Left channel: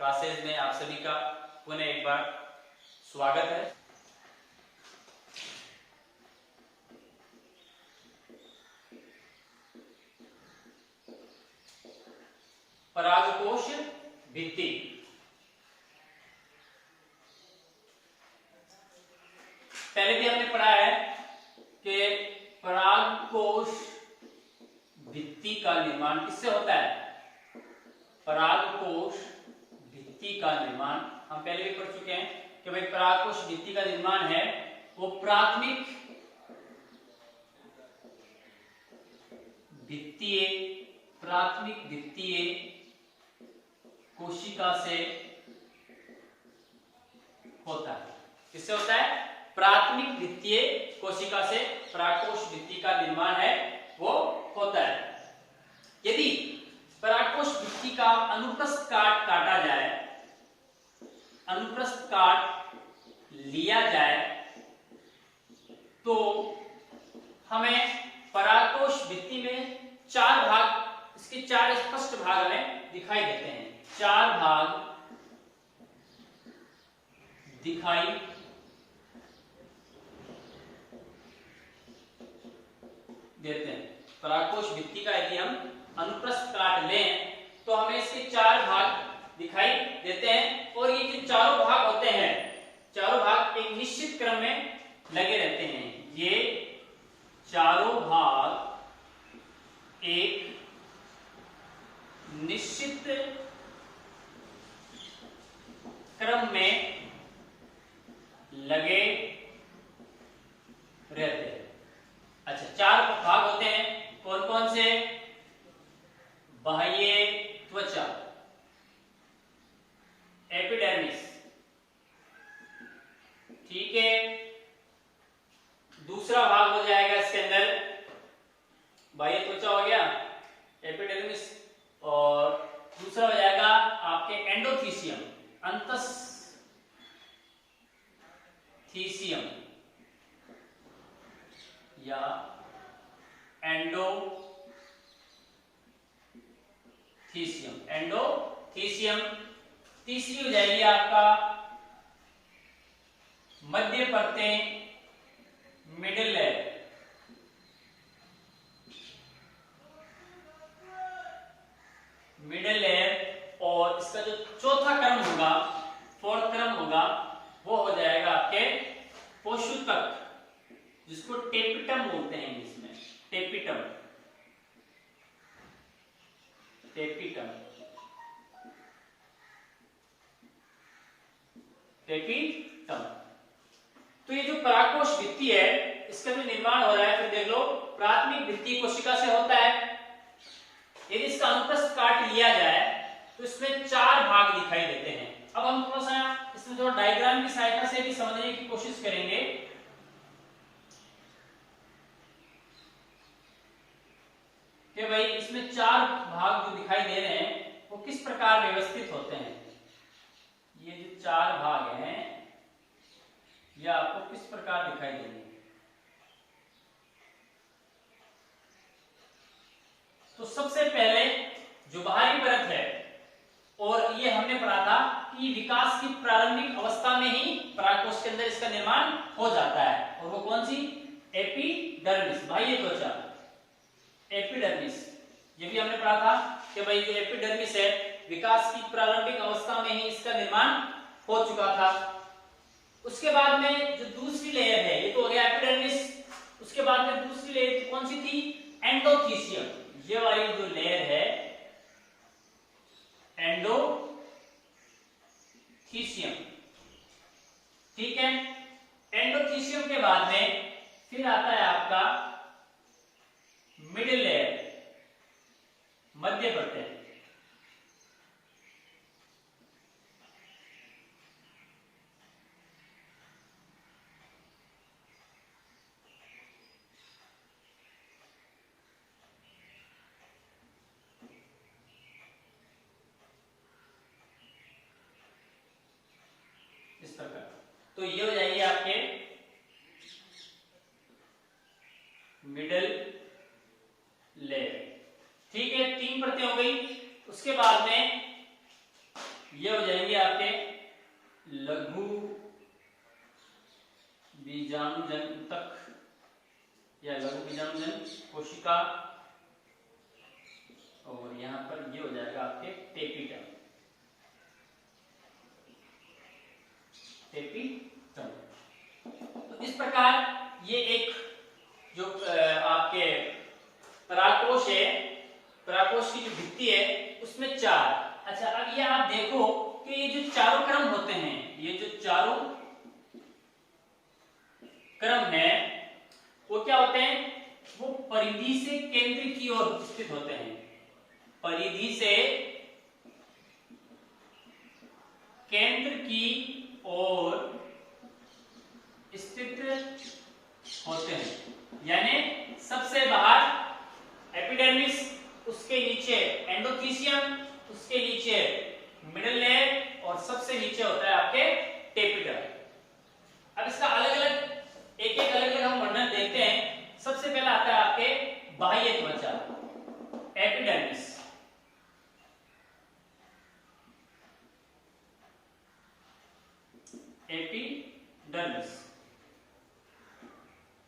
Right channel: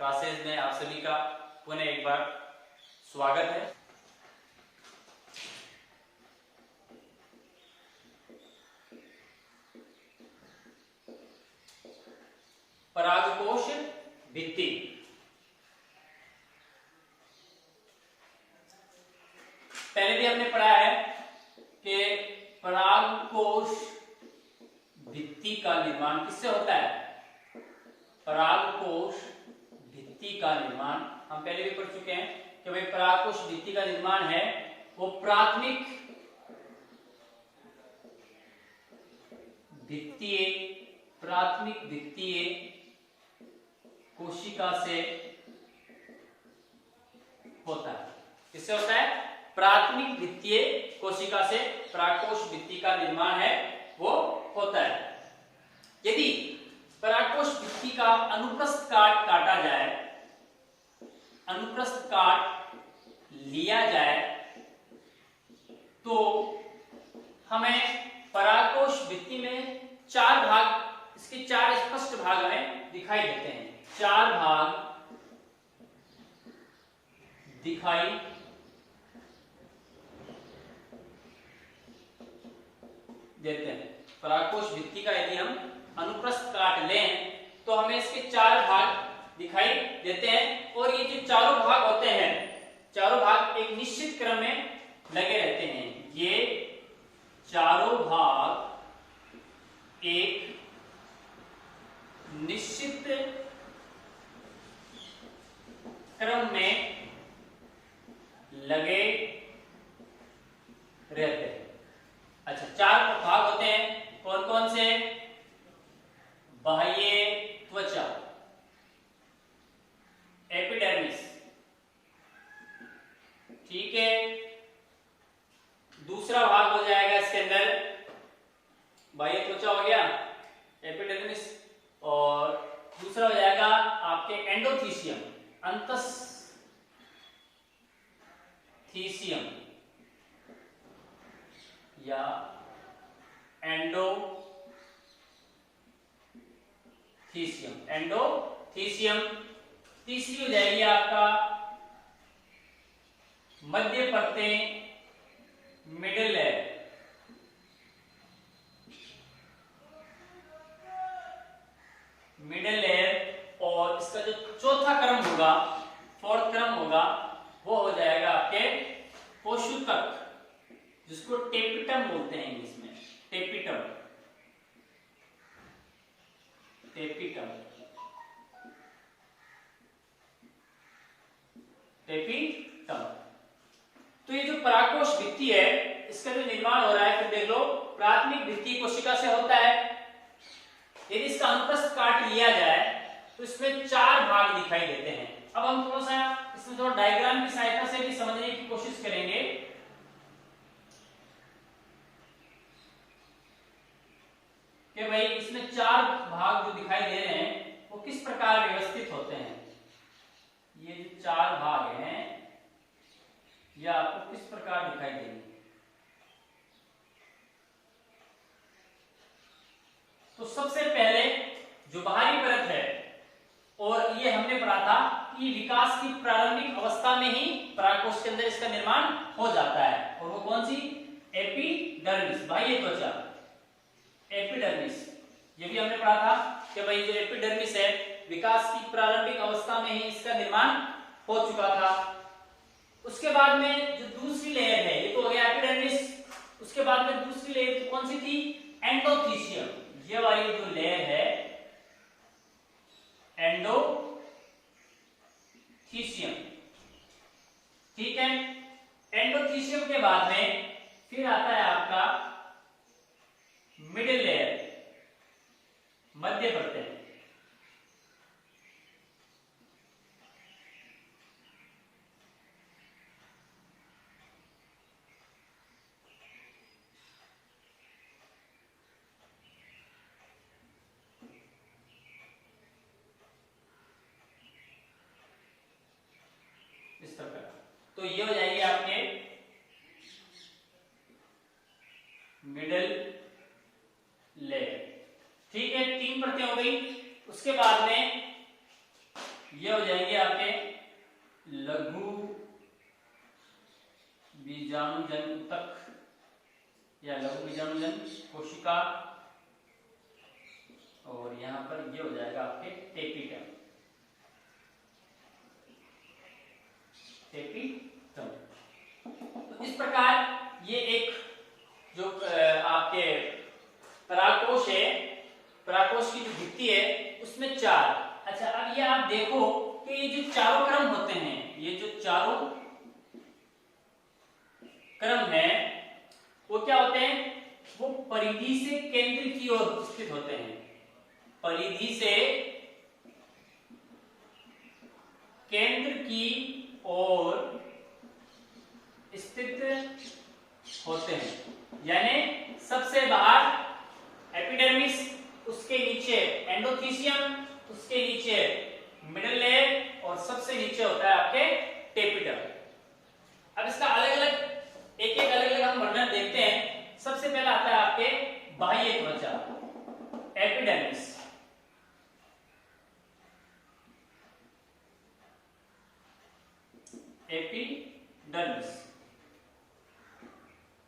Classes में आप सभी का पुनः एक बार स्वागत है। परागकोश भित्ति। पहले भी हमने पढ़ा है कि परागकोश भित्ति का निर्माण किससे होता है। परागकोश भित्ति का निर्माण हम पहले भी पढ़ चुके हैं कि भाई परागकोश भित्ति का निर्माण है वो प्राथमिक भित्तीय कोशिका से होता है। किससे होता है? प्राथमिक भित्तीय कोशिका से परागकोश भित्ति का निर्माण है वो होता है। यदि परागकोश भित्ति का अनुप्रस्थ काट काटा जाए, अनुप्रस्थ काट लिया जाए तो हमें परागकोश भित्ति में चार भाग, इसके चार स्पष्ट भाग हमें दिखाई देते हैं। चार भाग दिखाई देते हैं। परागकोश भित्ति का यदि हम अनुप्रस्थ काट लें तो हमें इसके चार भाग दिखाई देते हैं और ये जो चारों भाग होते हैं, चारों भाग एक निश्चित क्रम में लगे रहते हैं। ये चारों भाग एक निश्चित क्रम में लगे रहते हैं। अच्छा, चार भाग होते हैं, कौन कौन से? बाह्य त्वचा, एपिडर्मिस, ठीक है। दूसरा भाग हो जाएगा इसके अंदर बाह्य त्वचा हो गया, एपिडर्मिस, और दूसरा हो जाएगा आपके एंडोथीसियम, अंतस्थीसियम या एंडोथीसियम। तीसरी हो जाएगी आपका मध्य परतें, मिडिल लेयर, और इसका जो चौथा क्रम होगा, फोर्थ क्रम होगा, वो हो जाएगा आपके पोषुतक, जिसको टेपिटम बोलते हैं इंग्लिश में। टेपिटम तो ये जो परागकोश भित्ति है इसका जो निर्माण हो रहा है, फिर देख लो, प्राथमिक भित्तीय कोशिका से होता है। यदि इसका अनुप्रस्थ काट लिया जाए तो इसमें चार भाग दिखाई देते हैं। अब हम थोड़ा सा इसमें थोड़ा डायग्राम की सहायता से भी समझने की कोशिश करेंगे कि भाई इसमें चार भाग जो दिखाई दे रहे हैं वो किस प्रकार व्यवस्थित होते हैं। ये जो चार भाग हैं ये आपको किस प्रकार दिखाई देंगे। तो सबसे पहले जो बाहरी परत है, और ये हमने पढ़ा था कि विकास की प्रारंभिक अवस्था में ही परागकोश के अंदर इसका निर्माण हो जाता है, और वो कौन सी? एपिडर्मिस, बाह्य त्वचा, एपिडर्मिस। ये भी हमने पढ़ा था कि भाई जो एपिडर्मिस है विकास की प्रारंभिक अवस्था में ही इसका निर्माण हो चुका था। उसके बाद में जो दूसरी लेयर है, ये तो हो गया एपिडर्मिस, उसके बाद में दूसरी लेयर कौन सी थी? एंडोथीसियम। ये वाली जो लेयर है एंडोथीसियम, ठीक है। एंडोथीसियम के बाद में फिर आता है आपका मिडिल लेयर, मध्य परतें, इस प्रकार। तो ये हो जाएगी आपके मिडिल लेयर, ठीक है। तीन परतें हो गई। उसके बाद में ये हो जाएंगे आपके लघु बीजाणुजन तक या लघु बीजाणुजन कोशिका, और यहां पर ये हो जाएगा आपके टेपिटम। तो इस प्रकार ये एक जो आपके परागकोश है, परागकोश की जो भित्ति है उसमें चार। अच्छा, अब ये आप देखो कि ये जो चारों क्रम होते हैं, ये जो चारों क्रम है वो क्या होते हैं, वो परिधि से केंद्र की ओर स्थित होते हैं। परिधि से केंद्र की ओर स्थित होते हैं, यानी सबसे बाहर एपिडर्मिस, उसके नीचे एंडोथीसियम, उसके नीचे मिडिल लेयर और सबसे नीचे होता है आपके टेपिटल। अब इसका अलग अलग एक एक अलग अलग हम वर्णन देखते हैं। सबसे पहला आता है आपके बाह्य त्वचा, एपिडर्मिस। एपिडर्मिस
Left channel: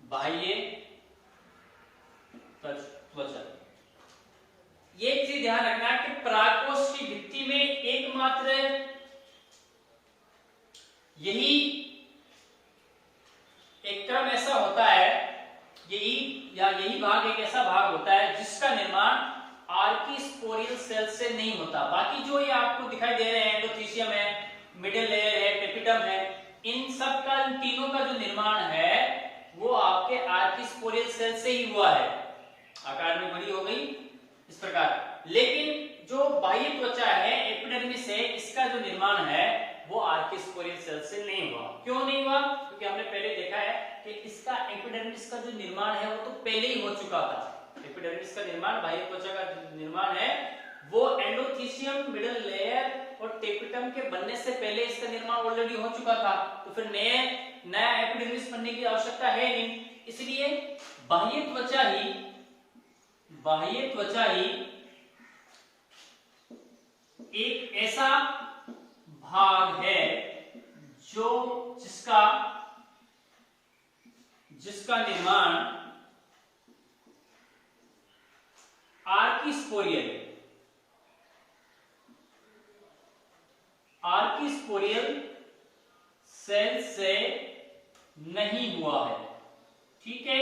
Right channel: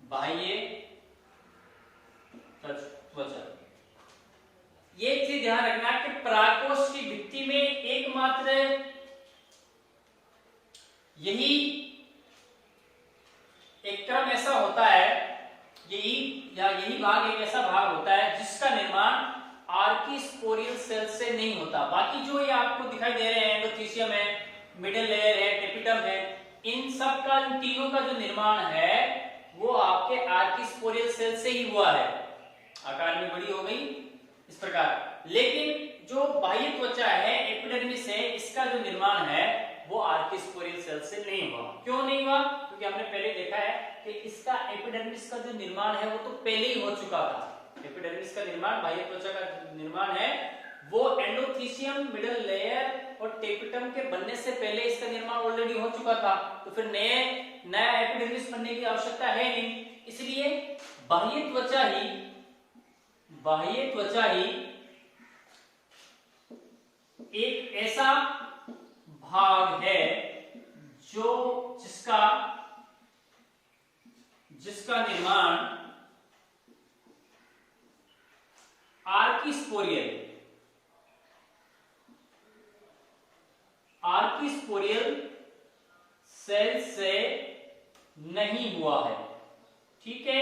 बाह्य त्वचा। ये एक चीज ध्यान रखना कि परागकोश की भित्ति में एकमात्र यही एक क्रम ऐसा होता है, यही भाग एक ऐसा भाग होता है जिसका निर्माण आर्किस्पोरियल सेल से नहीं होता। बाकी जो ये आपको दिखाई दे रहे हैं, एंडोथीसियम है, मिडिल लेयर है, टेपिटम है, इन सब का, इन तीनों का जो निर्माण है वो आपके आर्किस्पोरियल सेल से ही हुआ है। आकार में बड़ी हो गई इस प्रकार। लेकिन जो बाह्य त्वचा है, एपिडर्मिस है, इसका जो निर्माण है वो आर्किस्पोरियल सेल से नहीं हुआ। क्यों नहीं हुआ? क्योंकि हमने पहले देखा है कि इसका एपिडर्मिस का जो निर्माण है वो तो पहले ही हो चुका था। एपिडर्मिस का निर्माण, बाह्य त्वचा का निर्माण है वो एंडोथीसियम, मिडिल लेयर और टेपिटम के बनने से पहले इसका निर्माण ऑलरेडी हो चुका था। तो फिर नया एपिडर्मिस बनने की आवश्यकता है नहीं। इसलिए बाह्य त्वचा ही एक ऐसा भाग है जो जिसका निर्माण आर्किस्पोरियल सेल से नहीं हुआ है। ठीक है,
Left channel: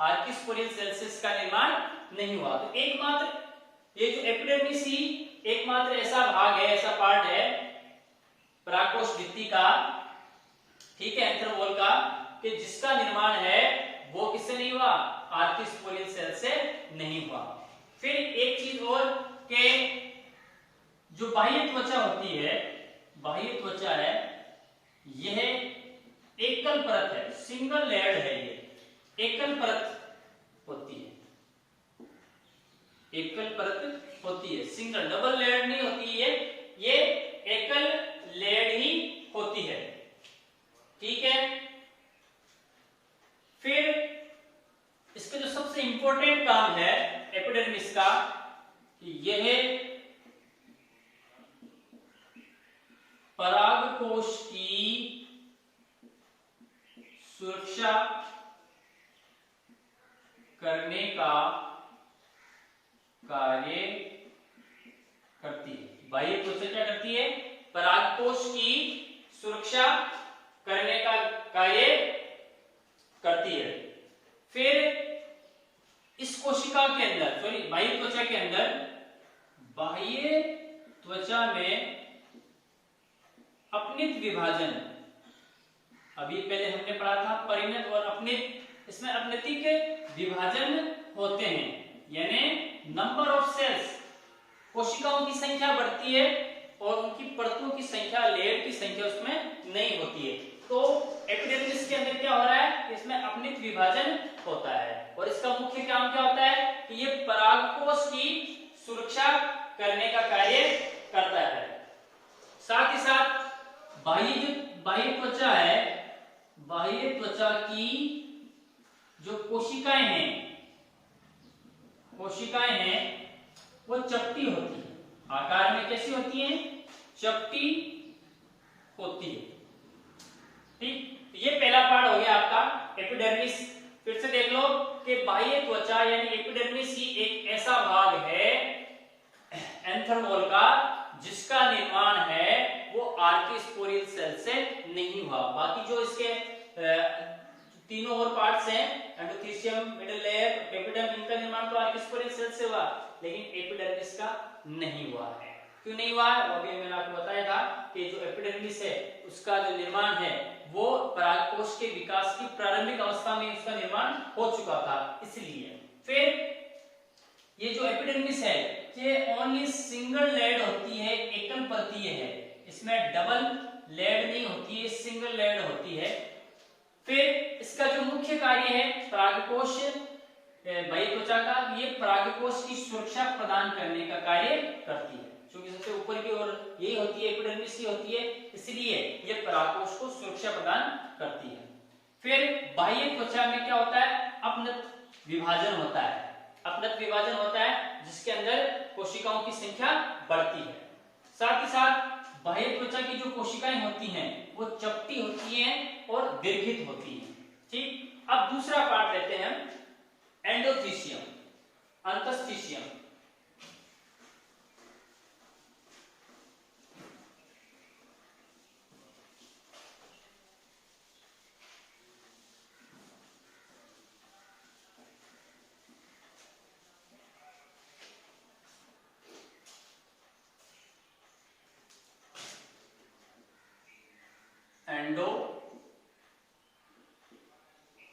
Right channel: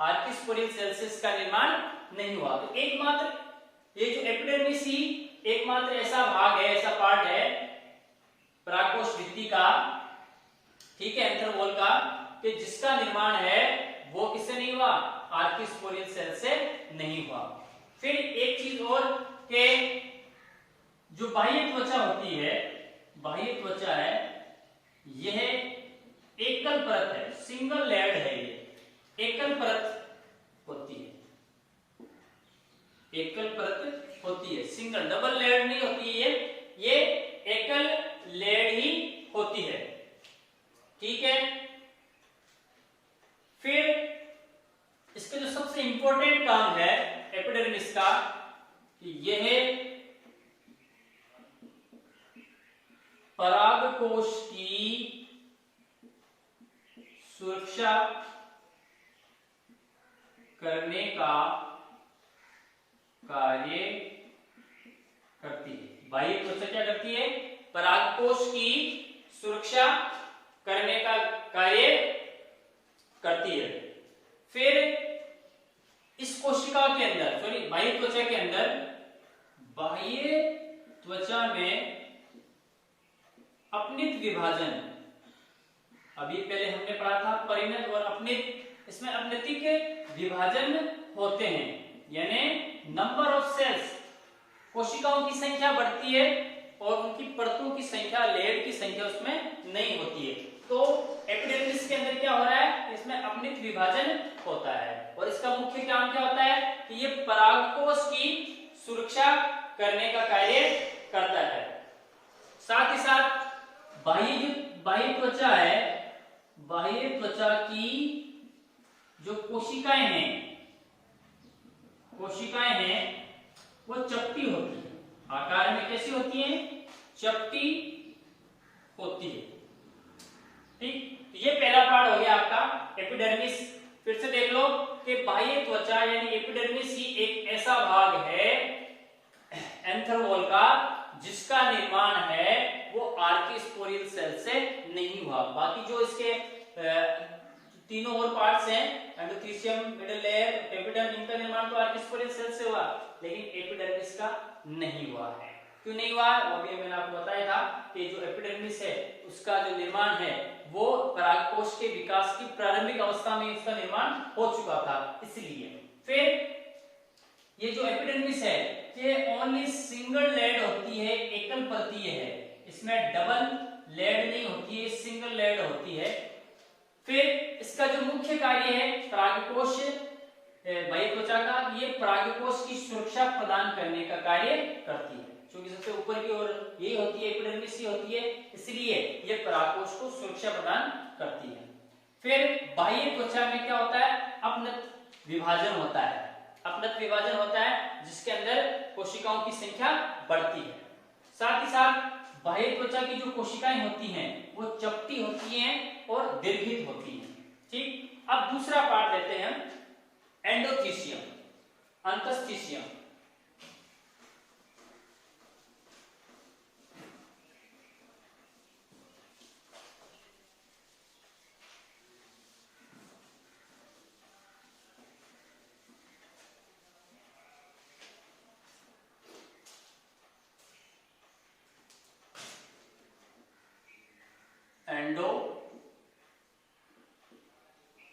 आर्किस्पोरियल सेल से इसका निर्माण नहीं हुआ। तो एकमात्र ये जो एपिडर्मिस ही एकमात्र ऐसा भाग है, ऐसा पार्ट है परागकोश भित्ति का, ठीक है, एंथ्रोवॉल का, कि जिसका निर्माण है वो किससे नहीं हुआ, आर्किस्पोरियल सेल से नहीं हुआ। फिर एक चीज और के जो बाह्य त्वचा होती है, बाह्य त्वचा है, यह एकल परत है, सिंगल लेयर्ड है, ये एकल परत होती है, एकल परत होती है, सिंगल, डबल लेयर नहीं होती है, ये एकल लेयर ही होती है। ठीक है, फिर इसका जो सबसे इंपॉर्टेंट काम है एपिडर्मिस का, यह परागकोश की सुरक्षा करने का कार्य करती है। बाह्य त्वचा क्या करती है? परागकोश की सुरक्षा करने का कार्य करती है। फिर इस कोशिका के अंदर, सॉरी बाह्य त्वचा के अंदर, बाह्य त्वचा में अपनित विभाजन, अभी पहले हमने पढ़ा था परिणत और अपनित, इसमें अपनितिक विभाजन होते हैं, यानी नंबर ऑफ सेल्स, कोशिकाओं की संख्या बढ़ती है और उनकी परतों की संख्या, लेयर की संख्या उसमें नहीं होती है। तो एपिडर्मिस के अंदर क्या हो रहा है, इसमें अपनित विभाजन होता है और इसका मुख्य काम क्या होता है कि ये परागकोश की सुरक्षा करने का कार्य करता है। साथ ही साथ बाह्य त्वचा है, बाह्य त्वचा की जो कोशिकाएं हैं वो चपटी होती है, आकार में कैसी होती हैं? चपटी होती है। ठीक, ये पहला पार्ट हो गया आपका एपिडर्मिस। फिर से देख लो कि बाह्य त्वचा यानी एपिडर्मिस ही एक ऐसा भाग है एंथ्रोमोल का जिसका निर्माण है वो आर्किस्पोरियल सेल से नहीं हुआ। बाकी जो इसके तीनों और पार्ट्स हैं, एंडोथीसियम, मिडल लेयर, टेपिडम, इनका निर्माण तो आर्किस्पोरियल सेल से हुआ, लेकिन एपिडर्मिस का नहीं हुआ है। क्यों नहीं हुआ है वो अभी मैंने आपको बताया था कि जो एपिडर्मिस है उसका जो निर्माण है वो परागकोश के विकास की प्रारंभिक अवस्था में उसका निर्माण हो चुका था, इसलिए। फिर ये जो एपिडर्मिस है ये ओनली सिंगल लेयर्ड होती है, एकल परतीय है, इसमें डबल लेयर्ड नहीं होती है, सिंगल लेयर्ड होती है। फिर इसका जो मुख्य कार्य है परागकोश बाह्य त्वचा का, ये परागकोश की सुरक्षा प्रदान करने का कार्य करती है, क्योंकि सबसे ऊपर की ओर यही होती है, एपिडर्मिस ही होती है, इसलिए ये परागकोश को सुरक्षा प्रदान करती है। फिर बाह्य त्वचा में क्या होता है, अपनत विभाजन होता है, अपनत विभाजन होता है जिसके अंदर कोशिकाओं की संख्या बढ़ती है। साथ ही साथ बाह्य त्वचा की जो कोशिकाएं होती हैं वो चपटी होती हैं और दीर्घित होती हैं। ठीक, अब दूसरा पार्ट लेते हैं हम, एंडोथीसियम, अंतस्थिसियम।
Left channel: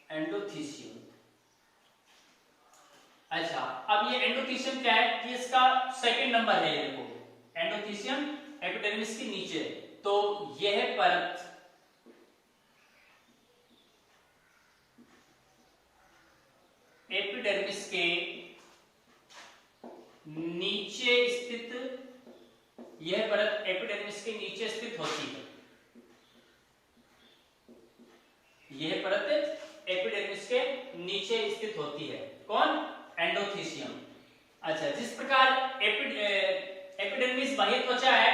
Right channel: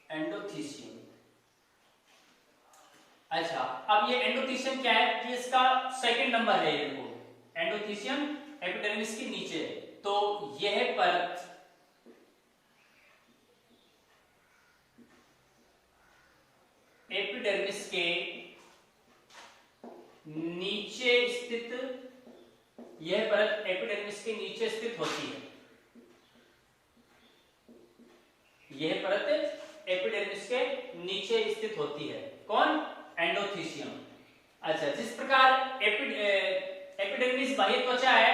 एंडोथीसियम। अच्छा, अब ये एंडोथीसियम क्या है, ये इसका सेकंड नंबर है। ये देखो एंडोथीसियम एपिडर्मिस के नीचे, तो यह परत एपिडर्मिस के नीचे स्थित, यह परत एपिडर्मिस के नीचे स्थित होती है। यह परत एपिडर्मिस के नीचे स्थित होती है। कौन? एंडोथीसियम। अच्छा, जिस प्रकार एपिडर्मिस बाह्य त्वचा है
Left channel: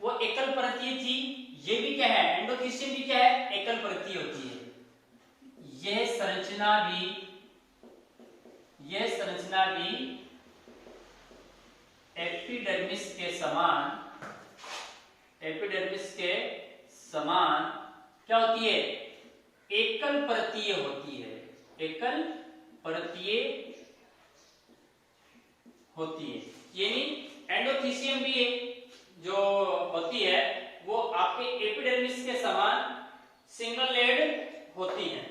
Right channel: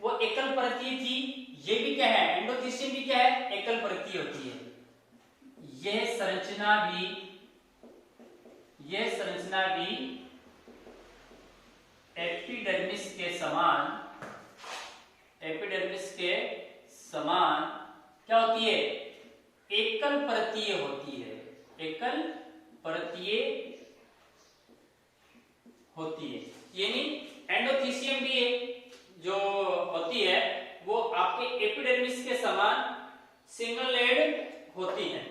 वो एकल परतीय थी, ये भी क्या है, एंडोथीसियम भी क्या है, एकल परतीय होती है। यह संरचना भी एपिडर्मिस के समान क्या होती है, एकल परतीय होती है, एकल परतीय होती है। यानी एंडोथीसियम भी जो होती है वो आपके एपिडर्मिस के समान सिंगल लेयर्ड होती है।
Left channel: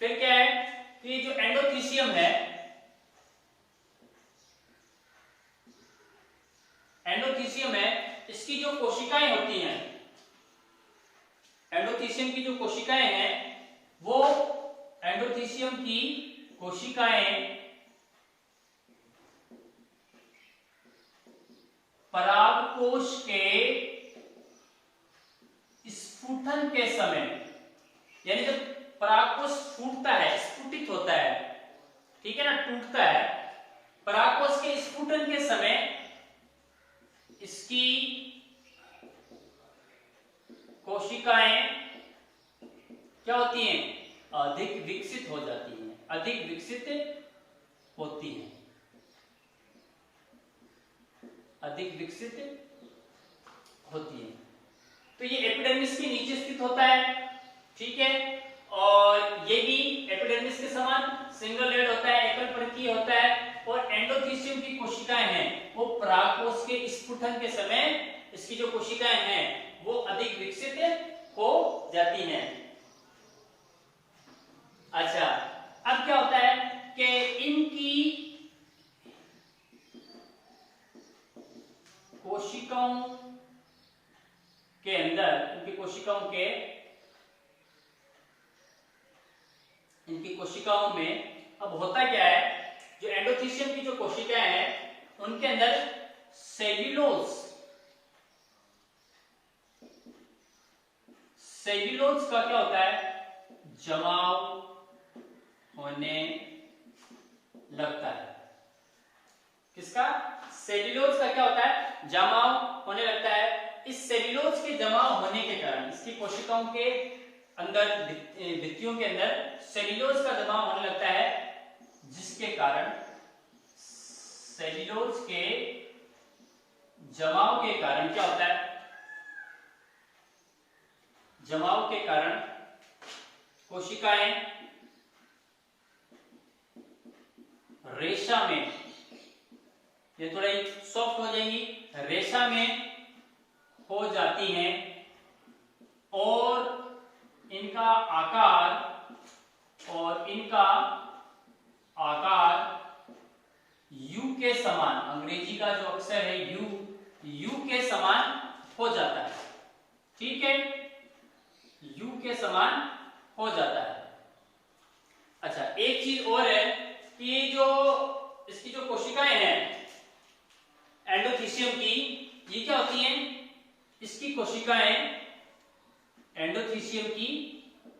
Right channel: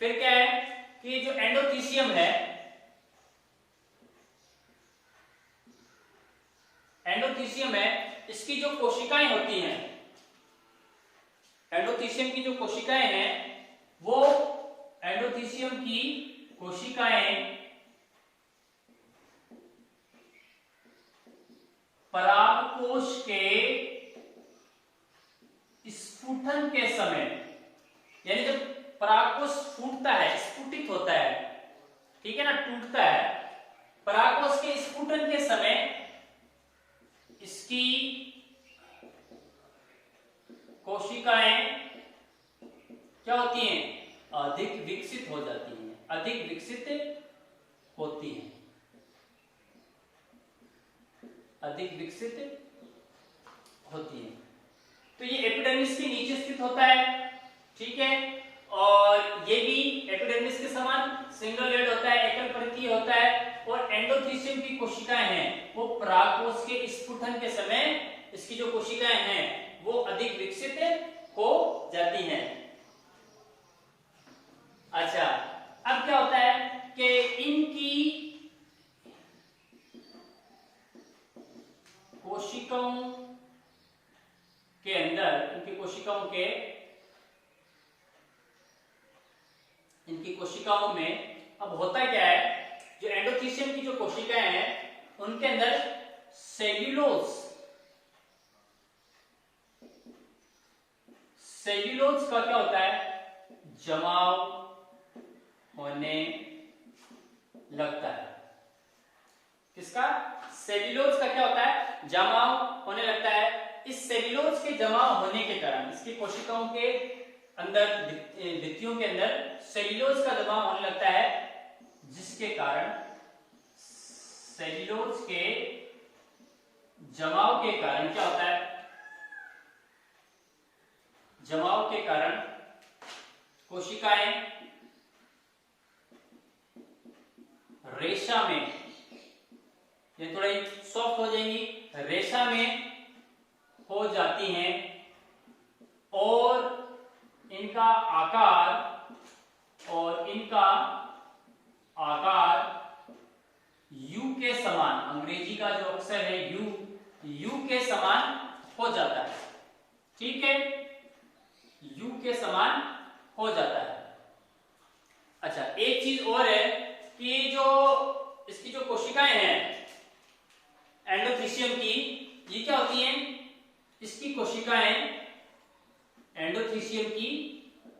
फिर क्या है कि जो एंडोथीसियम है, इसकी जो कोशिकाएं होती हैं, एंडोथीसियम की जो कोशिकाएं हैं वो एंडोथीसियम की कोशिकाएं परागकोश के स्फुटन के समय, यानी जब परागकोश फूटता है, स्फुटित होता है, ठीक है ना, टूटता है, परागकोश के स्फुटन के समय इसकी कोशिकाएं क्या होती हैं, अधिक विकसित हो जाती हैं, अधिक विकसित होती हैं, अधिक विकसित होती है। तो ये एपिडर्मिस के नीचे स्थित होता है, ठीक है, और ये भी एपिडर्मिस के समान सिंगल लेयर्ड होता है, एकल परतीय होता है। और एंडोथीसियम की कोशिकाएं हैं वो परागकोश के स्फुटन के समय इसकी जो कोशिकाएं हैं वो अधिक विकसित हो जाती हैं। अच्छा, अब क्या होता है कि इनकी कोशिकाओं के अंदर, इनकी कोशिकाओं में अब होता क्या है, जो एंडोथीसियम की जो कोशिकाएं हैं उनके अंदर सेल्यूलोज का क्या होता है, जमाव होने लगता है। किसका? सेल्यूलोज का क्या होता है, जमाव होने लगता है। इस सेल्यूलोज के जमाव होने के कारण, इसकी कोशिकाओं के अंदर, भित्तियों के अंदर सेल्यूलोज का जमाव होने लगता है, जिसके कारण सेल्यूलोज के जमाव के कारण क्या होता है, जमाव के कारण कोशिकाएं रेशा में, ये थोड़ा सॉफ्ट हो जाएंगी, रेशा में हो जाती हैं और इनका आकार यू के समान, अंग्रेजी का जो अक्षर है यू के समान हो जाता है। ठीक है, यू के समान हो जाता है। अच्छा, एक चीज और है कि जो इसकी जो कोशिकाएं हैं एंडोथीसियम की, ये क्या होती हैं, इसकी कोशिकाएं, एंडोथीसियम की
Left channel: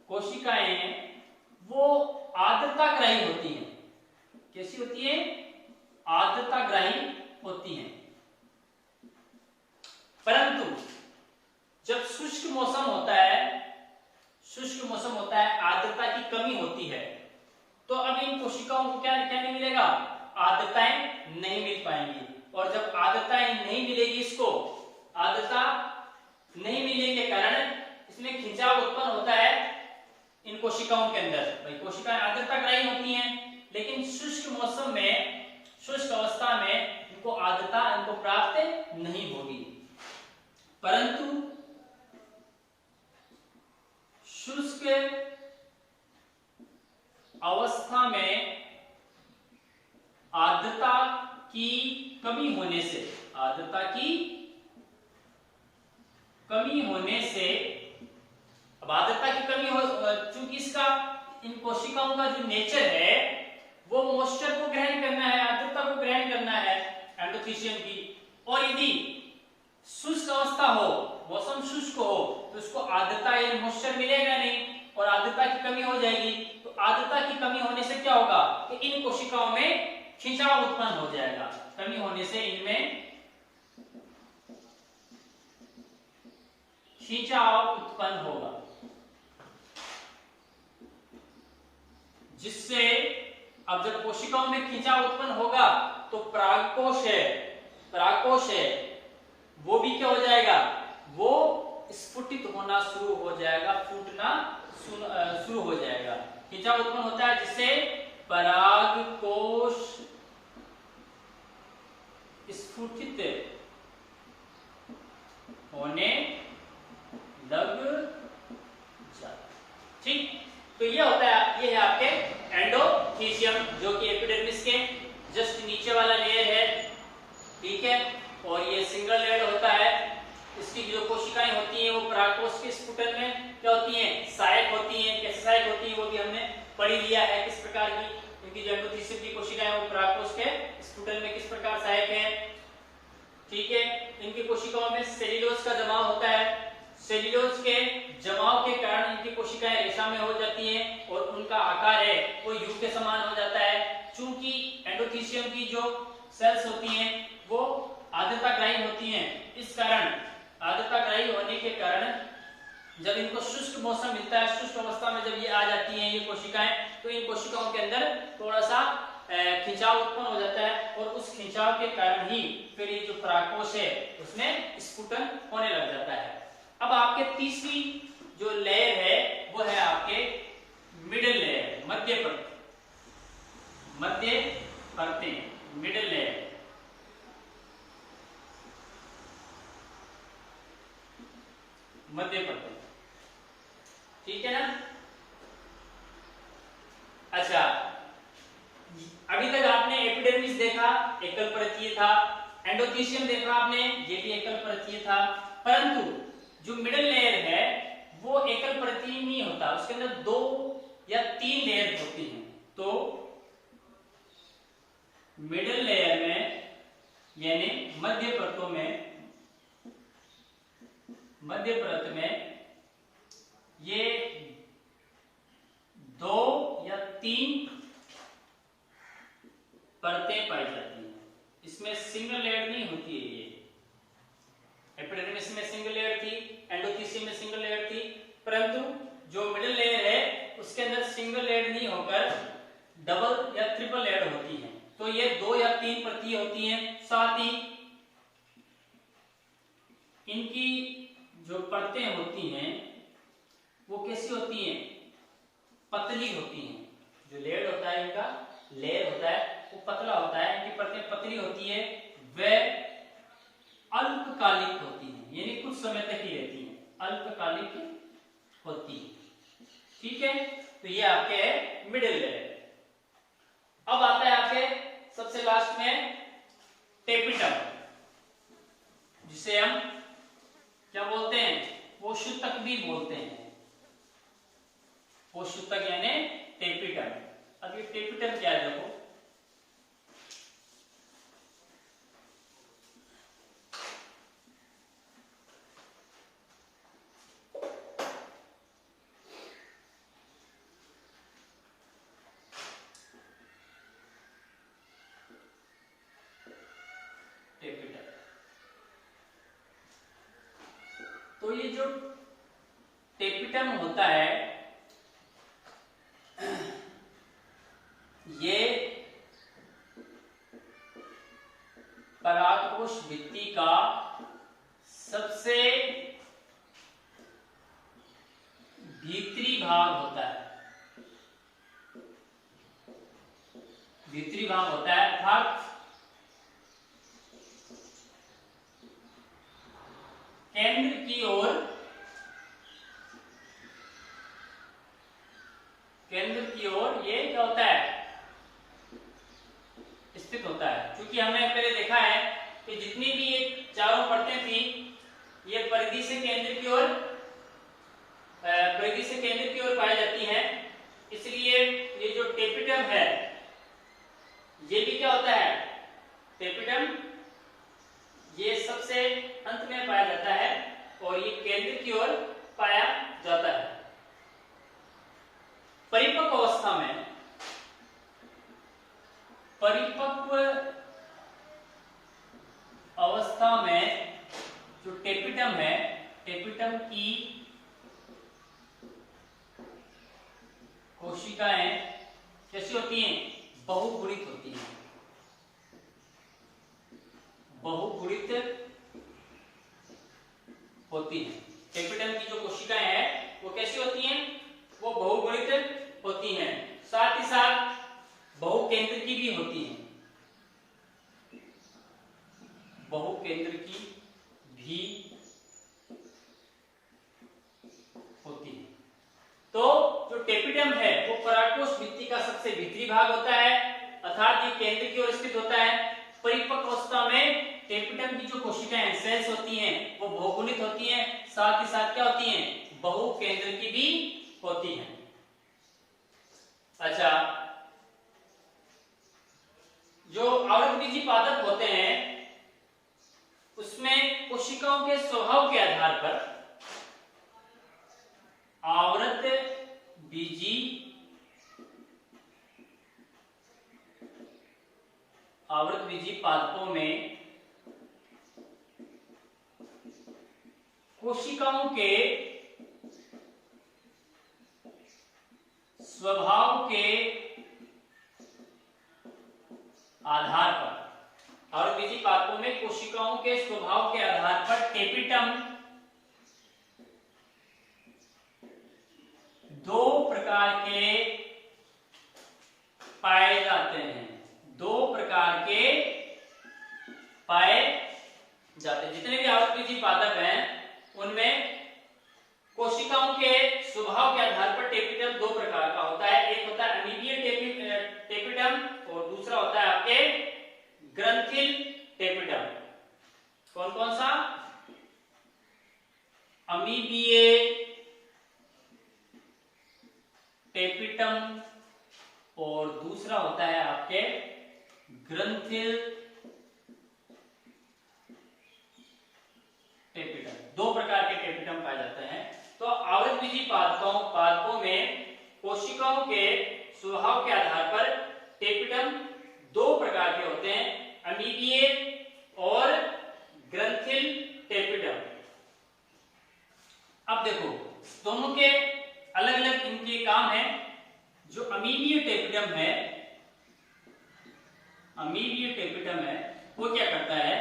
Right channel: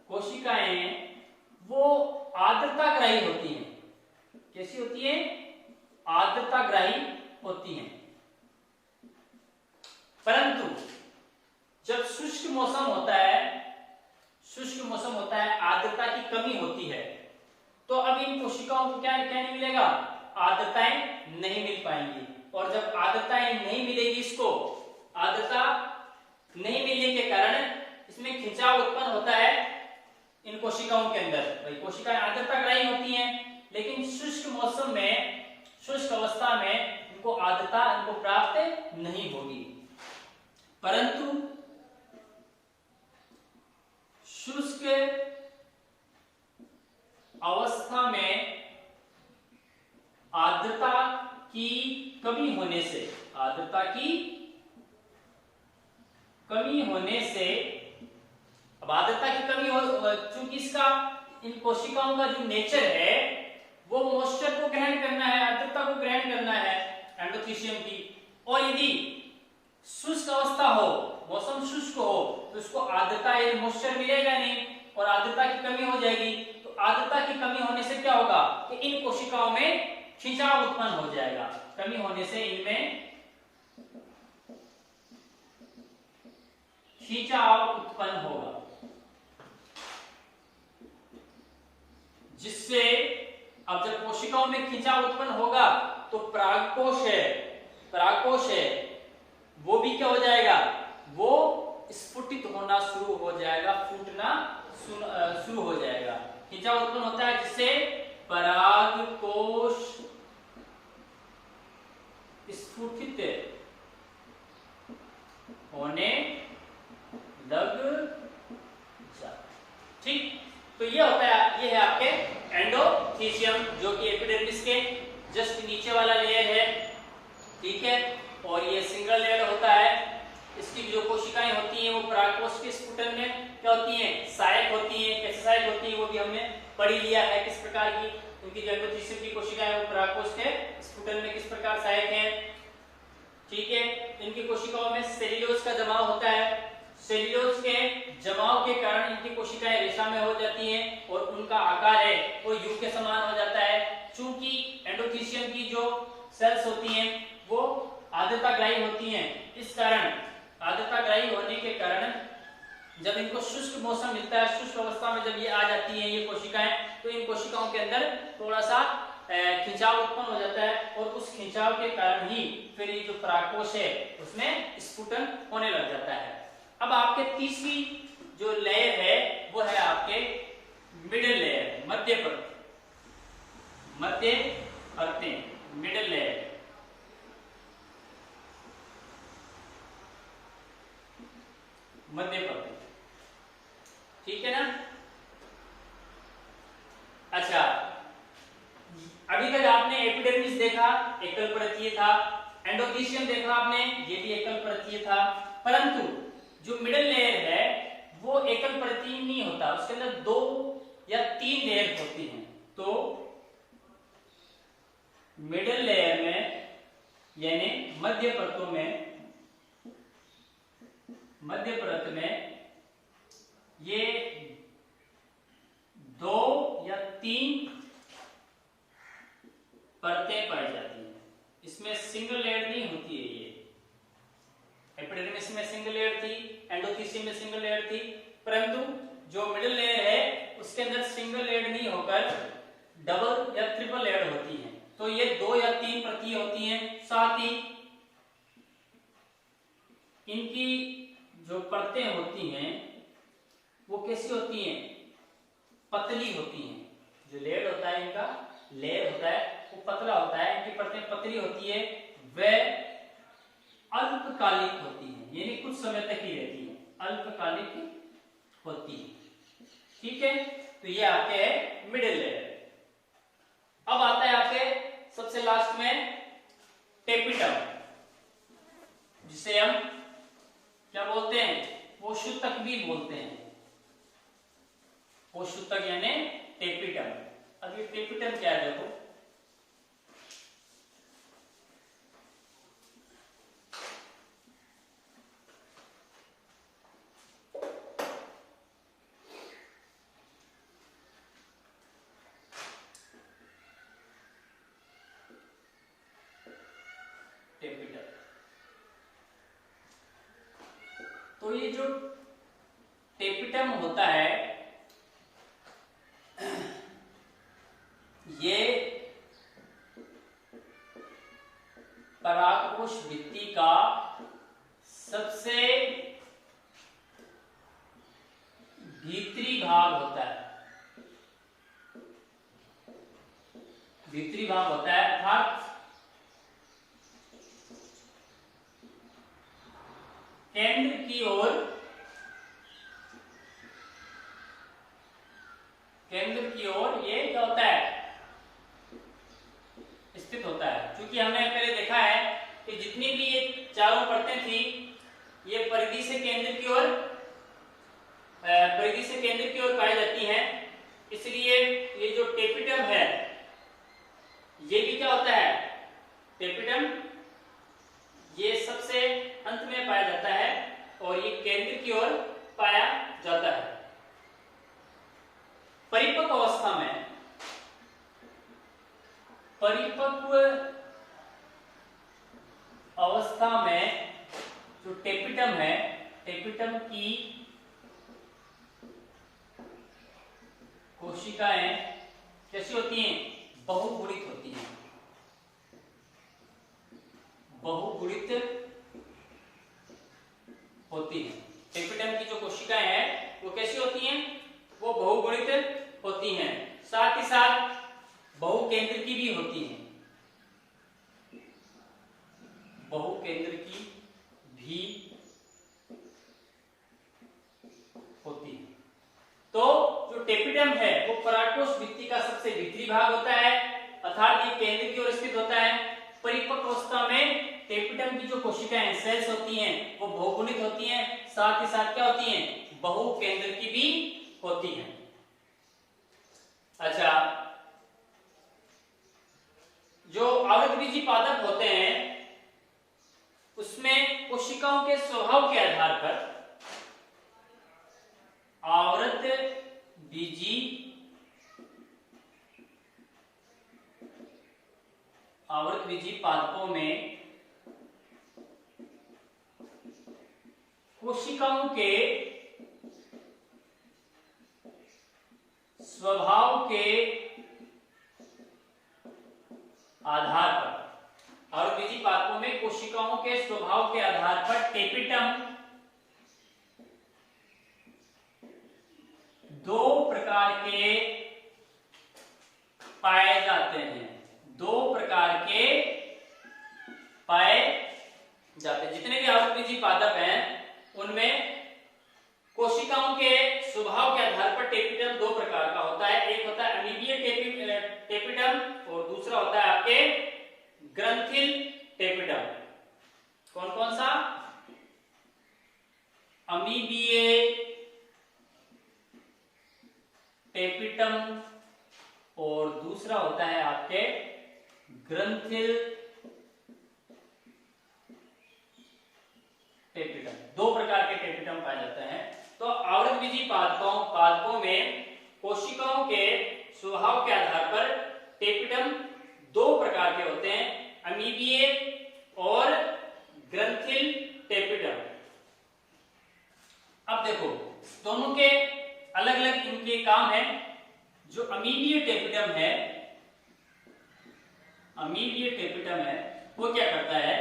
कोशिकाएं वो आर्द्रताग्राही होती हैं। कैसी होती है, आर्द्रताग्राही होती हैं। परंतु जब शुष्क मौसम होता है, आर्द्रता की कमी होती है, तो अब इन कोशिकाओं को क्या नहीं मिलेगा, आर्द्रताएं नहीं मिल पाएंगी। और जब आर्द्रताएं नहीं मिलेगी, इसको आर्द्रता नहीं मिलने के कारण इसमें खिंचाव उत्पन्न होता है इन कोशिकाओं के अंदर। भाई कोशिकाएं आर्द्रताग्राही होती हैं, लेकिन शुष्क मौसम में, शुष्क अवस्था में इनको आर्द्रता इनको प्राप्त नहीं होगी। परंतु शुष्क अवस्था में आर्द्रता की कमी होने से, आर्द्रता की कमी होने से, अब आर्द्रता की कमी हो, चूंकि इसका, इन कोशिकाओं का जो नेचर है वो मॉइस्चर को ग्रहण करना है, आर्द्रता को ग्रहण करना है एंडोथीसियम की। और यदि शुष्क अवस्था हो, मौसम शुष्क हो, तो इसको आर्द्रता या मॉइस्चर मिलेगा नहीं और आर्द्रता की कमी हो जाएगी। तो आर्द्रता की कमी होने से क्या होगा कि इन कोशिकाओं में खिंचाव उत्पन्न हो जाएगा। कमी होने से इनमें खिंचाव उत्पन्न होगा, जिससे अब जब कोशिकाओं में खिंचाव उत्पन्न होगा तो परागकोश है वो भी क्या हो जाएगा, वो स्फुटित होना शुरू हो जाएगा, फूटना शुरू हो जाएगा। खिंचाव उत्पन्न होता है जिससे परागकोश स्फुटित होने लग जाता। ठीक, तो ये होता है, ये है आपके एंडोथीसियम, जो कि एपिडर्मिस के जस्ट नीचे वाला लेयर है। ठीक है, और ये सिंगल लेयर होता है। इसकी जो कोशिकाएं होती हैं वो परागकोश के स्फुटन में क्या होती हैं, सहायक होती हैं। कैसे सहायक होती हैं वो भी हमने पढ़ लिया है, किस प्रकार की इनकी जो एंडोथीसियम की कोशिकाएं वो परागकोश के स्फुटन में किस प्रकार सहायक हैं। ठीक है, इनकी कोशिकाओं में सेल्यूलोज का जमाव होता है। सेल्यूलोज के जमाव के कारण इनकी कोशिकाएं रेशा में हो जाती हैं और उनका आकार है वो यू के समान हो जाता है। चूंकि एंडोथीसियम की जो सेल्स होती हैं वो आर्द्रताग्राही होती हैं, इस कारण आर्द्रताग्राही होने के कारण जब इनको शुष्क मौसम मिलता है, शुष्क अवस्था में जब ये आ जाती हैं ये कोशिकाएं, तो इन कोशिकाओं के अंदर थोड़ा सा खिंचाव उत्पन्न हो जाता है और उस खिंचाव के कारण ही फिर ये जो परागकोश है उसमें स्फुटन होने लग जाता है। अब आपके तीसरी जो लेयर है वो है आपके मिडिल लेयर, मध्य परतें, मिडिल लेयर। मध्य परतें, ठीक है ना। अच्छा, अभी तक आपने एपिडर्मिस देखा, एकल परतीय था। एंडोथीसियम देखा आपने, ये भी एकल परतीय था। परंतु जो मिडिल लेयर है वो एकल परतीय नहीं होता, उसके अंदर 2 या 3 लेयर होती हैं। तो मिडिल लेयर में यानी मध्य परतों में, मध्य परत में ये 2 या 3 परतें पाई जाती हैं। इसमें सिंगल लेयर नहीं होती है, ये एल्थीसियम में सिंगल लेयर थी, परंतु जो मिडिल लेयर है उसके अंदर सिंगल लेयर नहीं होकर डबल या ट्रिपल लेयर होती है। तो ये 2 या 3 परतें होती हैं। साथ ही इनकी जो परतें होती हैं वो कैसी होती हैं? पतली होती हैं। जो लेयर होता है, इनका लेयर होता है वो पतला होता है, इनकी परतें पतली होती है, वह अल्पकालिक होती हैं, यानी कुछ समय तक ही रहती हैं, अल्पकालिक होती है। ठीक है, तो ये आपके है मिडिल लेयर। अब आता है आपके सबसे लास्ट में टेपिटम, जिसे हम क्या बोलते हैं? पोषक भी बोलते हैं। पोषक यानी टेपिटम। अब ये टेपिटम क्या है? देखो, टेपिटम। तो ये जो टेपिटम होता है ये परागकोश भित्ति का सबसे भीतरी भाग होता है। भीतरी भाग होता है, अर्थात केंद्र की ओर ये क्या होता है? स्थित होता है। क्योंकि हमने पहले देखा है कि जितनी भी ये चारों परतें थी ये परिधि से केंद्र की ओर पाई जाती हैं। इसलिए ये जो टेपिटम है ये भी क्या होता है? टेपिटम ये सबसे अंत में पाया जाता है और ये केंद्र की ओर पाया जाता है। परिपक्व अवस्था में जो टेपिटम है, टेपिटम की कोशिकाएं कैसी होती हैं? बहुगुणित होती हैं। बहुगुणित होती हैं। टेपिटम की जो कोशिकाएं हैं वो कैसी होती हैं? वो बहुगुणित होती हैं। साथ ही साथ बहुकेंद्र की भी होती हैं। बहुकेंद्र की भी होती है। तो जो टेपिटम है वो परागकोश भित्ति का सबसे भीतरी भाग होता है, अर्थात ये केंद्र की ओर स्थित होता है। परिपक्व अवस्था में टेपिटम की जो कोशिकाएं सेल्स होती हैं वो बहुगुणित होती हैं, साथ ही साथ क्या होती हैं? बहुकेंद्र की भी होती हैं। अच्छा, जो आवृतबीजी पादप होते हैं उसमें कोशिकाओं के स्वभाव के आधार पर आवृतबीजी पादपों में कोशिकाओं के स्वभाव के आधार पर, आवृतबीजी पादपों में कोशिकाओं के स्वभाव के आधार पर टेपिटम दो प्रकार के पाए जाते हैं। दो प्रकार के पाए जाते हैं। जितने भी आवृतबीजी पादप हैं उनमें कोशिकाओं के स्वभाव के आधार पर टेपिटम दो प्रकार का होता है। एक होता है अमीबीय टेपिटम और दूसरा होता है आपके ग्रंथिल टेपिटम। कौन कौन सा? अमीबीय टेपिटम और दूसरा होता है आपके ग्रंथिल टेपिटम। दो प्रकार के टेपिटम पाए जाते हैं। तो आवृतबीजी पादपों में कोशिकाओं के स्वभाव के आधार पर टेपिटम दो प्रकार के होते हैं, अमीबीय और ग्रंथिल टेपिटम। अब देखो दोनों के अलग अलग इनके काम है। जो अमीबीय टेपिटम है, अमीबीय टेपिटम है वो क्या करता है,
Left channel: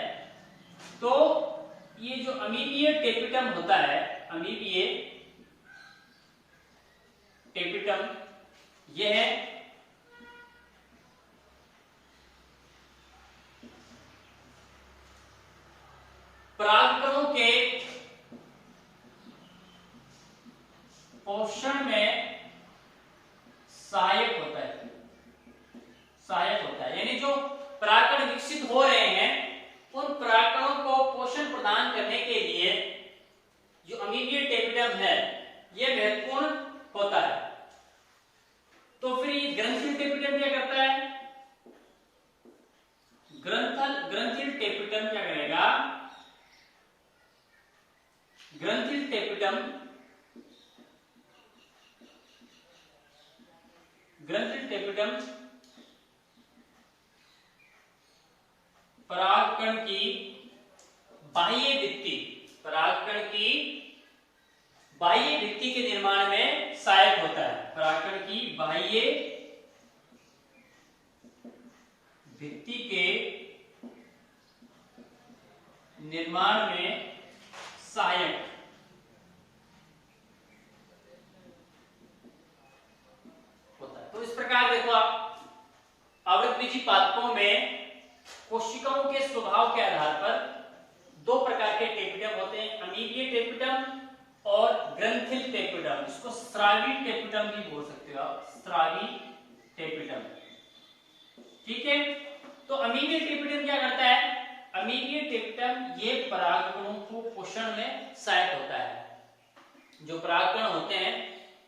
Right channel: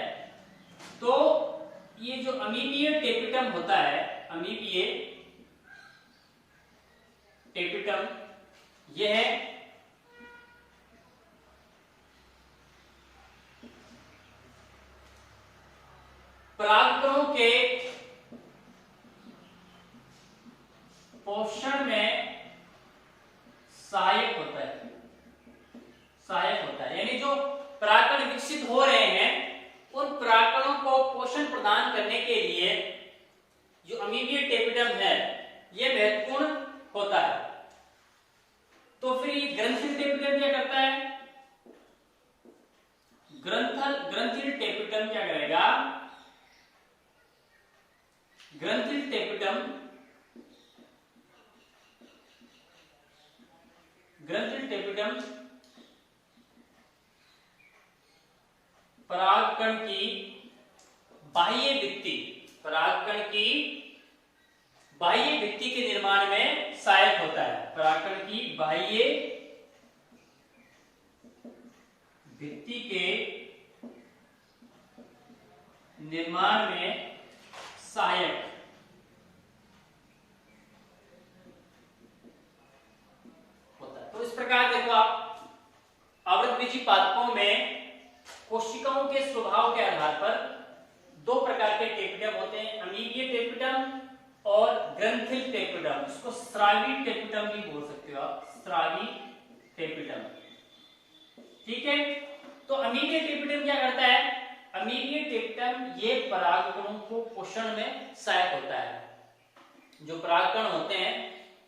तो ये जो अमीबीय टेपिटम होता है, अमीबीय टेपिटम यह है परागकणों के पोषण में सहायक होता है, सहायक होता है। यानी जो परागकण विकसित हो रहे हैं उन परागकणों को पोषण प्रदान करने के लिए जो अमीबीय टेपिटम है यह महत्वपूर्ण होता है। तो फिर ये ग्रंथिल टेपिटम क्या करता है, ग्रंथिल टेपिटम क्या करेगा, ग्रंथिल टेपिटम परागकण की बाह्य भित्ति, परागकण की बाह्य भित्ति के निर्माण में सहायक होता है। परागकण की बाह्य भित्ति के निर्माण में सहायक होता है। तो इस प्रकार देखो आप आवृतबीजी पादपों में कोशिकाओं के स्वभाव के आधार पर दो प्रकार के टेपिटम होते हैं, अमीबीय टेपिटम और ग्रंथिल टेपिटम। इसको स्रावी टेपिटम भी बोल सकते हो आप, स्रावी टेपिटम। ठीक है, तो अमीबीय टेपिटम क्या करता है, अमीबीय टेपिटम ये परागकणों को पोषण में सहायक होता है। जो परागकण होते हैं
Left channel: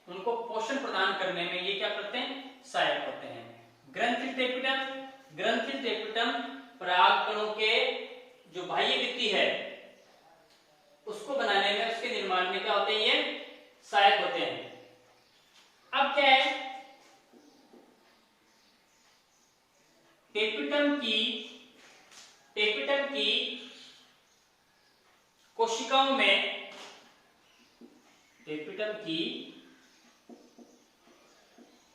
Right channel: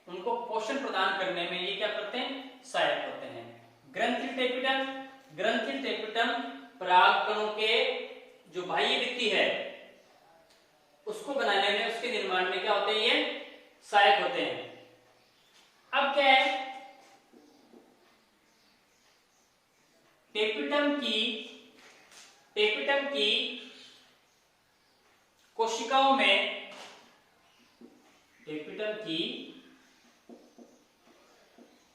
उनको पोषण प्रदान करने में ये क्या करते हैं, सहायक होते हैं। ग्रंथिल टेपिटम परागकणों के जो बाह्य भित्ति है उसको बनाने में, उसके निर्माण में क्या होते हैं, ये सहायक होते हैं। अब क्या है, टेपिटम की कोशिकाओं में, टेपिटम की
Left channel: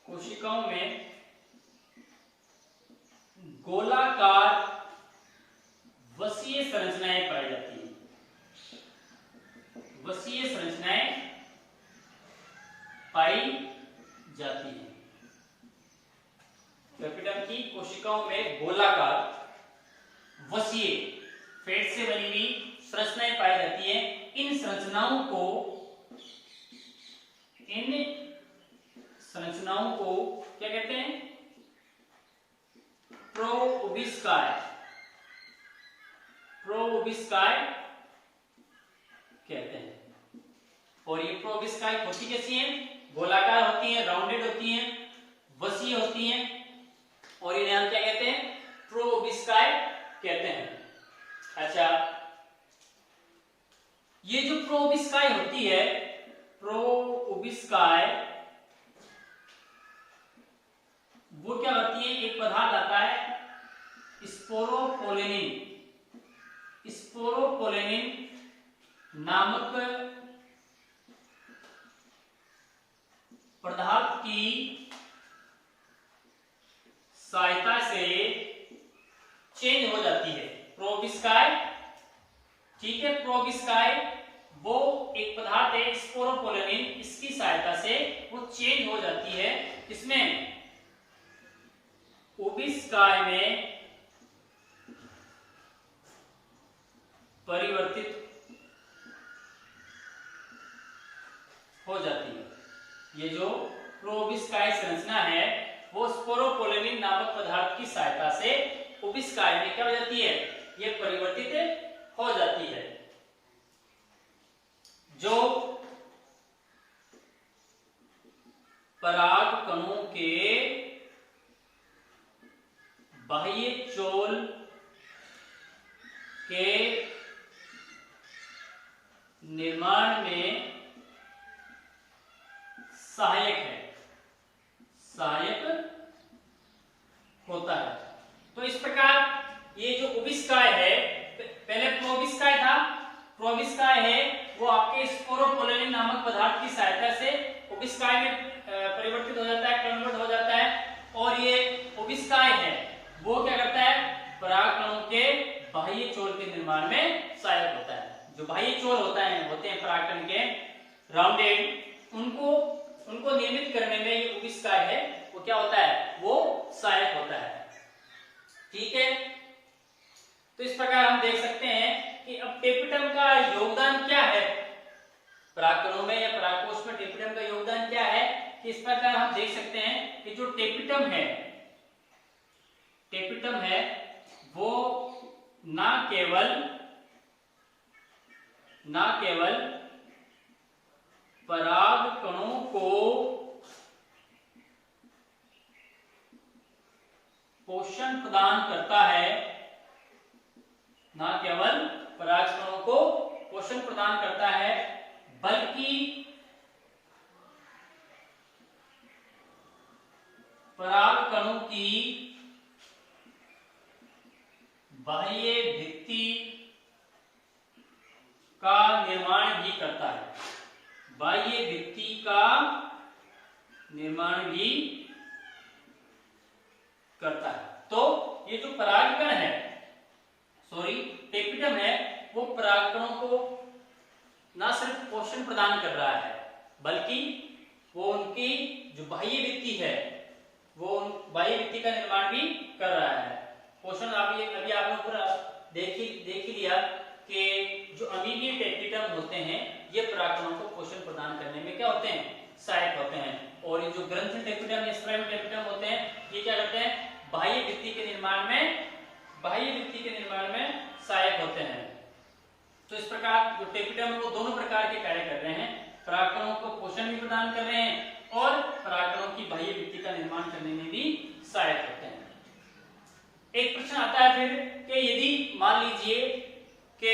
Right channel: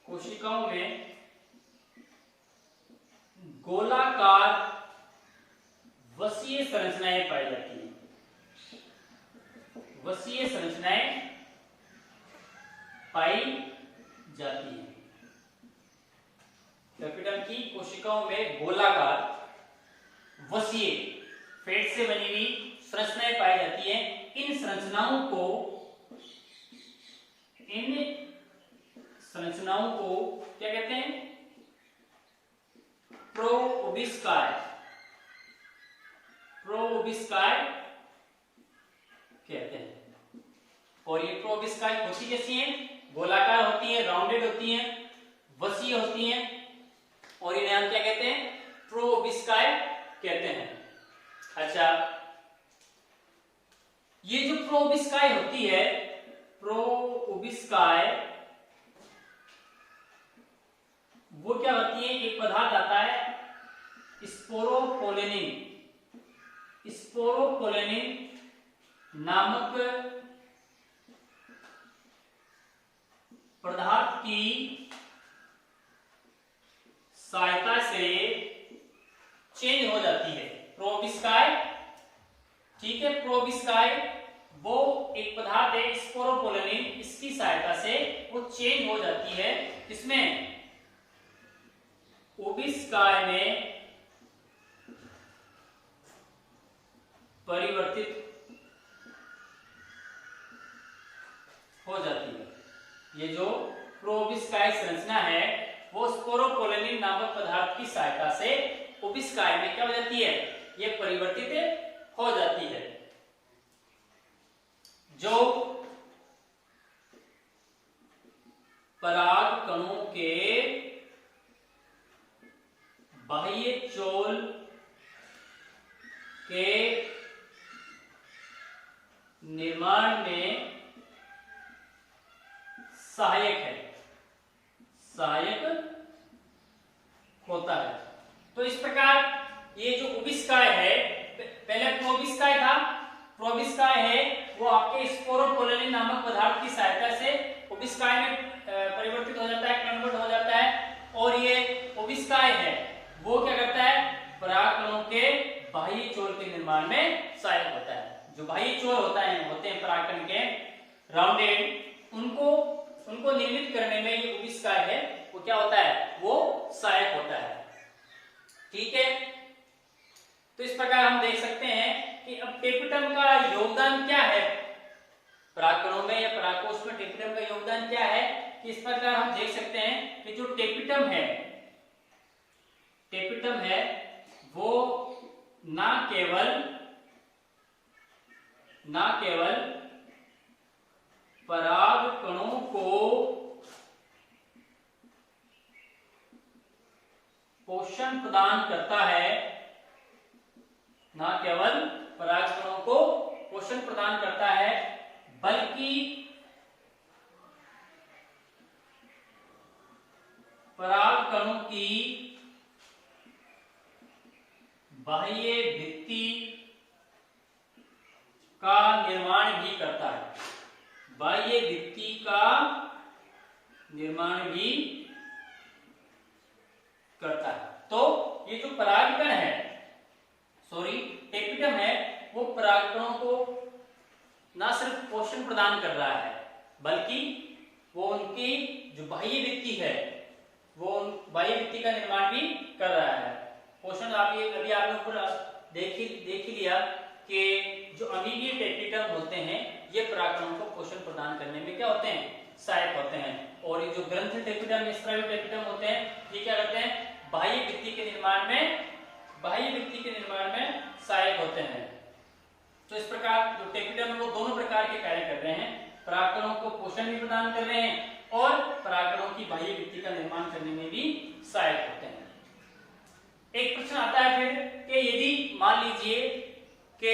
कोशिकाओं में गोलाकार वसीय संरचनाएं पाई जाती हैं, वसीय संरचनाएं पाई जाती हैं। टेपिटम की कोशिकाओं में गोलाकार वसीय फेट से बनी हुई संरचनाएं पाई जाती हैं। इन संरचनाओं को क्या कहते हैं, प्रोओबिस्काय, प्रोओबिस्काय कहते हैं। और ये प्रोओबिस्काय होती कैसी हैं, गोलाकार होती हैं, राउंडेड होती हैं, वसीय होती हैं, और इन्हें हम क्या कहते हैं, प्रोओबिस्काय कहते हैं। अच्छा, ये जो प्रोओबिस्काय होती है, प्रोओबिस्काय वो क्या होती है, एक पदार्थ आता है स्पोरोपोलेनिन, स्पोरोपोलेनिन नामक पदार्थ की सहायता से चेंज हो जाती है प्रोओबिस्काय। ठीक है, प्रोओबिस्काय वो एक पदार्थ है स्पोरोपोलेनिन, इसकी सहायता से वो चेंज हो जाती है। इसमें ओबिस्काय में परिवर्तित हो जाती है। ये जो प्रोओबिस्काय संरचना है वो स्पोरोपोलेनिन नामक पदार्थ की सहायता से ओबिस्काय में क्या हो जाती है, ये परिवर्तित हो जाती है। जो परागकणों के बाह्य चोल के निर्माण में सहायक होता है। तो इस प्रकार ये जो ओबिस्काय है, पहले प्रोबिस्काय था, प्रोबिस्काय है वो आपके स्पोरोपोलेनिन नामक पदार्थ की सहायता से उबिस्काय में परिवर्तित हो जाता है, कन्वर्ट हो जाता है। और ये उबिस्काय है वो क्या करता है, परागकणों के बाह्य चोल के निर्माण में सहायक होता है। जो बाह्य चोल होते हैं परागकण के राउंडेड, उनको निर्मित करने में ये उबिस्काय है वो क्या होता है, वो सहायक होता है। ठीक है, तो इस प्रकार हम देख सकते हैं कि अब टेपिटम का योगदान क्या है परागकणों में या परागकोश में, टेपिटम का योगदान क्या है। इस प्रकार हम देख सकते हैं कि जो टेपिटम है वो ना केवल परागकणों को पोषण प्रदान करता है, ना केवल परागकणों को पोषण प्रदान करता है, बल्कि परागकणों की बाह्य भित्ति का निर्माण भी करता है, बाह्य भित्ति का निर्माण भी करता है। तो ये जो परागकण है, टेपिटम है, वो परागकणों को ना सिर्फ पोषण प्रदान कर रहा है, बल्कि वो उनकी जो बाह्य भित्ति है, वो बाह्य भित्ति का निर्माण भी कर रहा है। पोषण अभी आपने ऊपर देख ही लिया कि जो अमीनीय टेपिटम होते हैं ये परागकणों को पोषण प्रदान करने में क्या होते हैं, सहायक होते हैं। और ये जो ग्रंथि टेपिटम या स्ट्राइव टेपिटम होते हैं ये क्या करते हैं, बाह्य भित्ति के निर्माण में सहायक होते हैं। तो इस प्रकार जो टेपिटम वो दोनों प्रकार के कार्य कर रहे हैं, परागकणों को पोषण भी प्रदान कर रहे हैं और परागकणों की बाह्य भित्ति का निर्माण करने में भी सहायक होते हैं। एक प्रश्न आता है फिर कि यदि मान लीजिए कि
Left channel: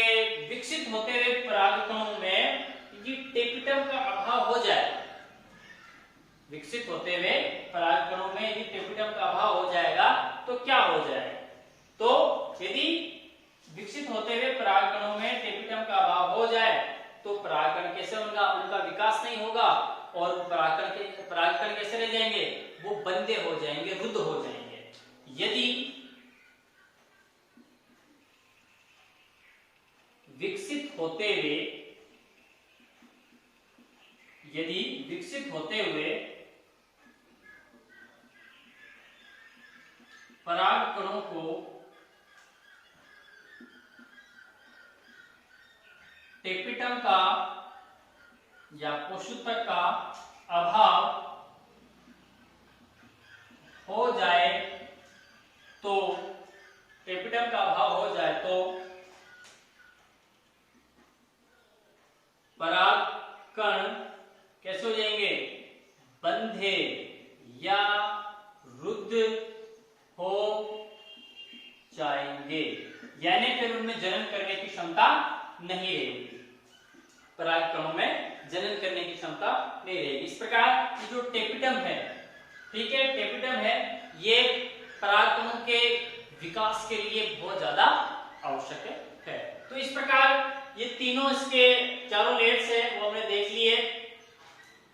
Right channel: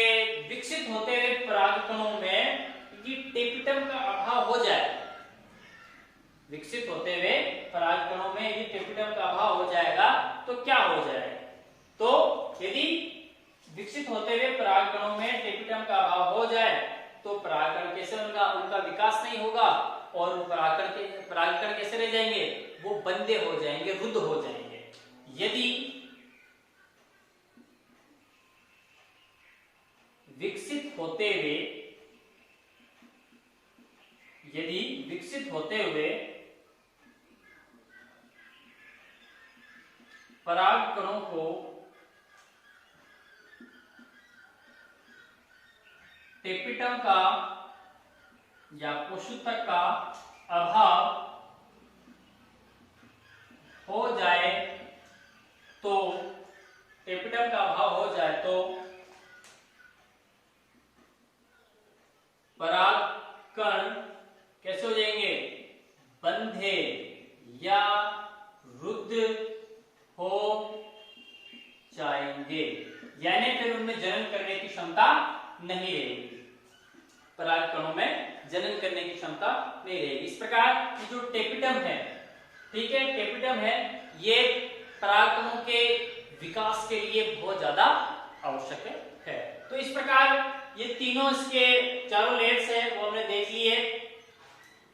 विकसित होते हुए परागकणों में यदि टेपिटम का अभाव हो जाए, विकसित होते हुए परागकणों में यदि टेपिटम का अभाव हो जाएगा तो क्या हो जाएगा। तो यदि विकसित होते हुए परागकणों में टेपिटम का अभाव हो जाए तो परागकण कैसे, उनका विकास नहीं होगा और परागकण कैसे रह जाएंगे, वो बंदे हो जाएंगे, रुद्ध हो जाएंगे। यदि विकसित होते हुए परागकणों को टेपिटम का या पोषक का अभाव हो जाए तो टेपिटम का अभाव हो जाए तो परागकण कैसे हो जाएंगे, बंधे या रुद्ध हो जाएंगे, यानी फिर उनमें जनन करने की क्षमता नहीं रहेगी, परागकणों में जनन करने की क्षमता नहीं रहेगी। इस प्रकार जो टेपिटम है, ठीक है, टेपिटम है ये परागकणों के विकास के लिए बहुत ज्यादा आवश्यक है। तो इस प्रकार ये तीनों इसके चारों लेयर्स है वो हमने देख लिए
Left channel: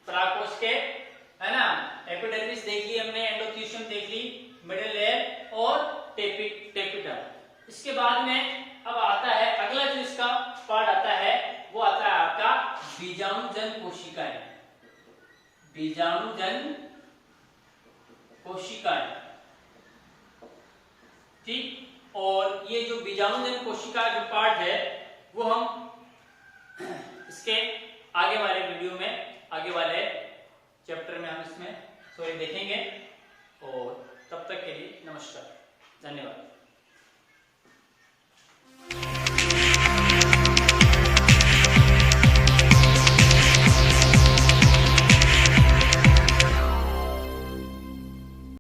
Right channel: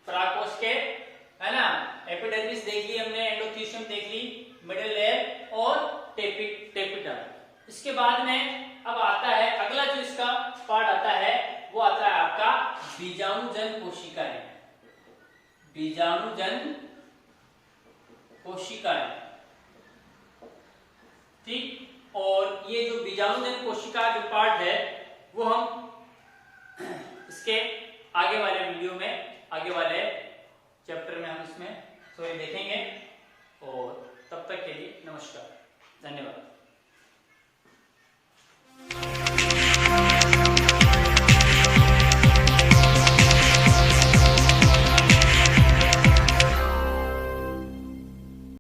परागकोश के, है ना। एपिडर्मिस देख ली हमने, एंडोथीशियम देख ली, मिडिल लेयर और टेपिटम। इसके बाद में अब आता है अगला जो इसका पार्ट आता है वो आता है आपका बीजाणुजन कोशिकाएं। बीजाणुजन कोशिकाएं, ठीक। और ये जो बीजाणुजन कोशिका जो पार्ट है वो हम इसके आगे वाले वीडियो में, आगे वाले चैप्टर में हम इसमें देखेंगे। और तब तक के लिए नमस्कार, धन्यवाद।